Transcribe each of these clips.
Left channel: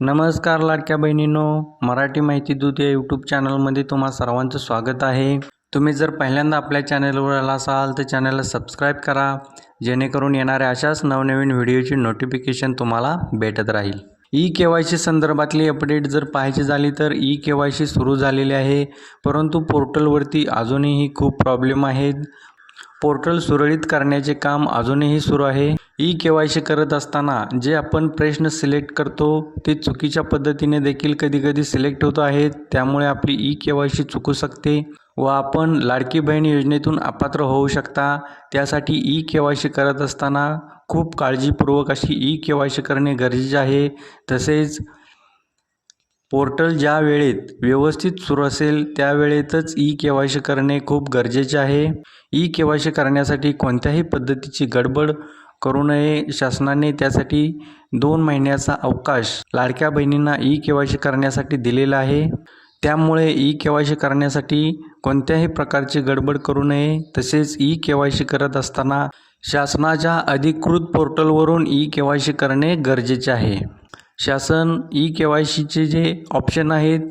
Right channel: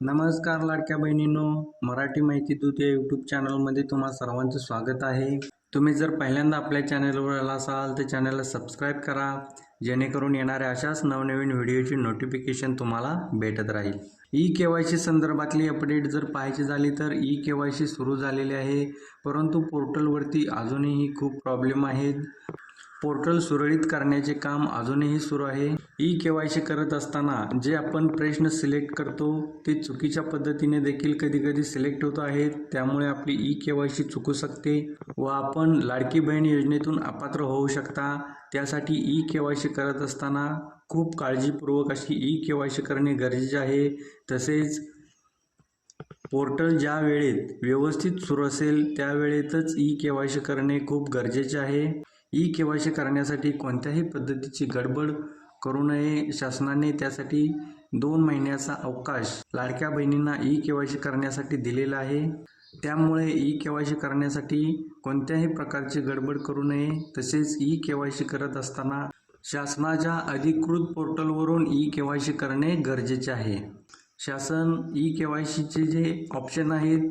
नमस्कार लाडक्या बहिणींनो, मराठी माहिती दूत या यूट्यूब चॅनलमध्ये तुम्हा सर्वांचं स्वागत आहे। तुम्ही जर पहिल्यांदा आपल्या चॅनलवर आला असाल तर चॅनलला सबस्क्राईब करा, जेणेकरून येणाऱ्या अशाच नवनवीन व्हिडिओची नोटिफिकेशन तुम्हाला भेटत राहील। ई-केवायसी संदर्भातली अपडेट जर पाहायची झाली तर ई-केवायसी सुरू झालेली आहे, परंतु पोर्टलवरती अजूनही खूप प्रॉब्लेम आहेत। पोर्टल सुरळीत करण्याचे काम अजूनही सुरू आहे। ई-केवायसी करत असताना जे आपण प्रश्न सिलेक्ट करतो ते चुकीच्या पद्धतीने देखील कधी सिलेक्ट होत आहेत, त्यामुळे आपली ई-केवायसी चुकू शकते व आपण लाडकी बहीण योजनेतून अपात्र होऊ शकता। त्यासाठी ई-केवायसी करत असताना खूप काळजीपूर्वक अशी ई-केवायसी करणे गरजेचे आहे। तसेच पोर्टल ज्या वेळेत व्यवस्थित सुरू असेल त्या वेळेतच ई-केवायसी करणे खूप गरजेचे आहे। ई-केवायसी करण्यासाठी कोणत्याही पद्धतीची गडबड करू नये। शासनाने त्यासाठी 2 महिन्याचा अवकाश लाडक्या बहिणींना ई-केवायसी करण्यासाठी दिलेला आहे, त्यामुळे ई-केवायसी करण्यासाठी कोणत्याही प्रकारची गडबड करू नये। तसेच ई-केवायसी करत असताना शासनाच्या अधिकृत पोर्टलवरून ई-केवायसी करणे गरजेचे आहे। शासन ई-केवायसीचे जे ऑप्शन आहेत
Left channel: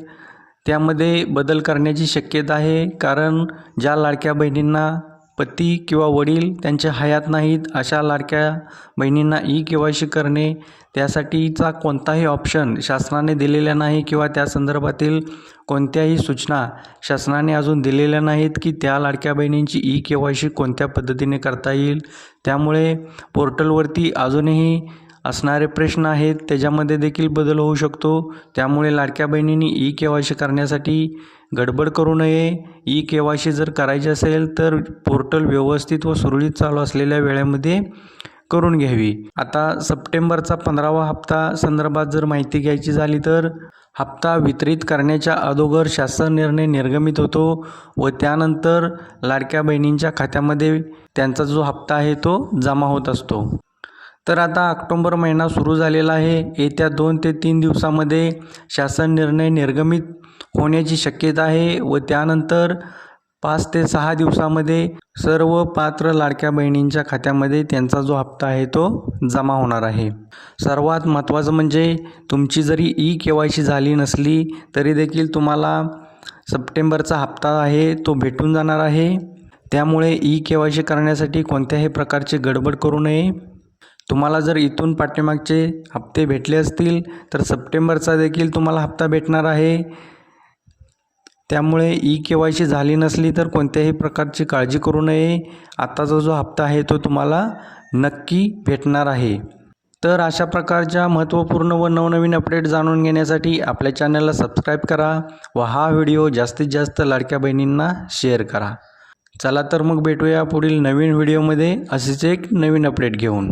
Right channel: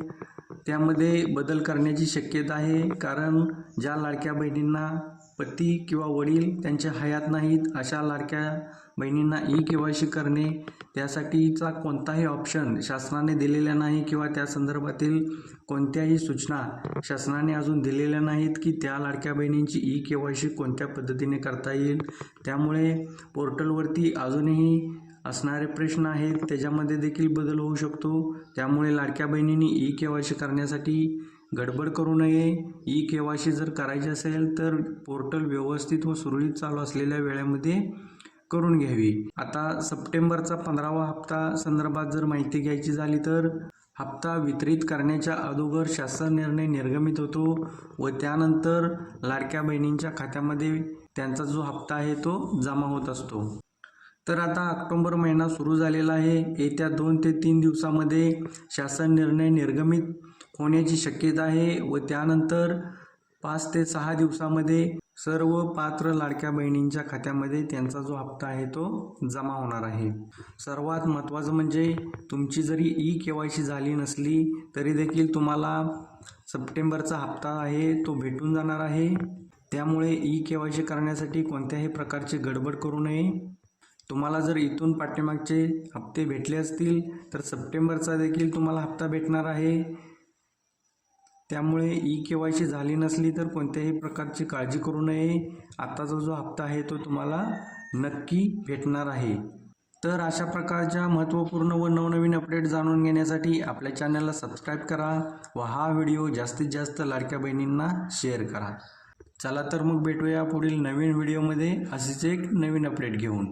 त्यामध्ये बदल करण्याची शक्यता आहे, कारण ज्या लाडक्या बहिणींना पती किंवा वडील त्यांच्या हयात नाहीत अशा लाडक्या बहिणींना ई-केवायसी करणे त्यासाठीचा कोणताही ऑप्शन शासनाने दिलेला नाही किंवा त्या संदर्भातील कोणत्याही सूचना शासनाने अजून दिलेल्या नाहीत की त्या लाडक्या बहिणींची ई-केवायसी कोणत्या पद्धतीने करता येईल। त्यामुळे पोर्टलवरती अजूनही असणारे प्रश्न आहेत, त्याच्यामध्ये देखील बदल होऊ शकतो। त्यामुळे लाडक्या बहिणींनी ई-केवायसी करण्यासाठी गडबड करू नये। ई-केवायसी जर करायची असेल तर पोर्टल व्यवस्थित व सुरळीत चालू असलेल्या वेळेमध्ये करून घ्यावी। आता सप्टेंबरचा 15वा हप्ता संदर्भात जर माहिती घ्यायची झाली तर हप्ता वितरित करण्याच्या अगोदर शासन निर्णय निर्गमित होतो व त्यानंतर लाडक्या बहिणींच्या खात्यामध्ये त्यांचा जो हप्ता आहे तो जमा होत असतो। तर आता ऑक्टोबर महिना सुरू झालेला आहे। येत्या 2 ते 3 दिवसामध्ये शासन निर्णय निर्गमित होण्याची शक्यता आहे व त्यानंतर 5 ते 6 दिवसामध्ये सर्व पात्र लाडक्या बहिणींच्या खात्यामध्ये त्यांचा जो हप्ता आहे तो जमा होणार आहे। सर्वात महत्त्वाचं म्हणजे तुमची जरी ई-केवायसी झाली नसली तरी देखील तुम्हाला सप्टेंबरचा हप्ता आहे तो भेटून जाणार आहे। त्यामुळे ई-केवायसी करण्यासाठी कोणत्याही प्रकारची गडबड करू नये। तुम्हाला जर इथून पाठीमागचे हप्ते भेटले असतील तर सप्टेंबरचा देखील तुम्हाला हप्ता भेटणार आहे। त्यामुळे ई-केवायसी झाली नसली तर कोणत्याही प्रकारची काळजी करू नये। आताचा जो हप्ता आहे तो तुम्हाला नक्की भेटणार आहे। तर अशा प्रकारच्या महत्त्वपूर्ण व नवनवीन अपडेट जाणून घेण्यासाठी आपल्या चॅनलला सबस्क्राईब करा व हा व्हिडिओ जास्तीत जास्त लाडक्या बहिणींना शेअर करा। चला तर मग भेटूया पुढील नवीन व्हिडिओमध्ये असेच एक नवीन अपडेट घेऊन।